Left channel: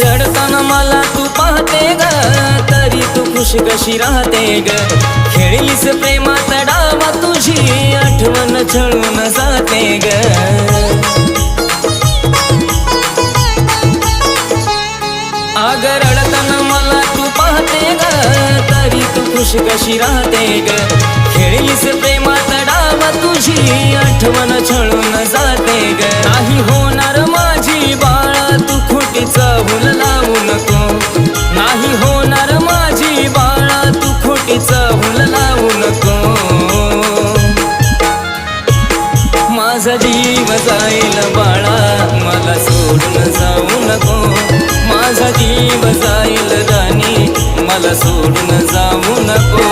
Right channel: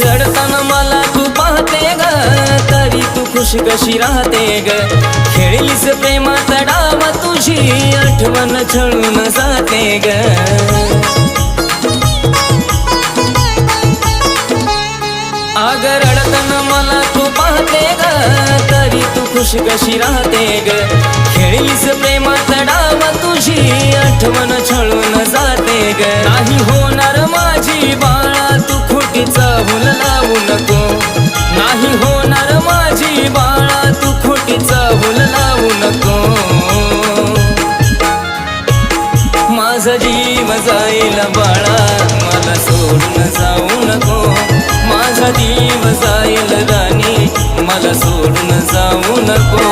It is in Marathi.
रडताना मला तू पाहते ग, तरी तू खुश कशी राहते ग। खेळलीस प्रेमात डावा, तुझी आठवण छळून जाते ग। अग रडताना मला तू पाहते ग, तरी तू खुश कशी राहते ग। खेळलीस प्रेमात डावा, तुझी आठवण छळून जाते ग। नाही होणार माझी बाळा, तू खोटीचा भूल लावू नको। नाही होणार माझी बाळा, तू खोटीचा भूल लावू नको। माझा जीव जाईल बाळा, मला सोडून जाऊ नको। माझा जीव जाईल राणी, मला सोडून जाऊ नको।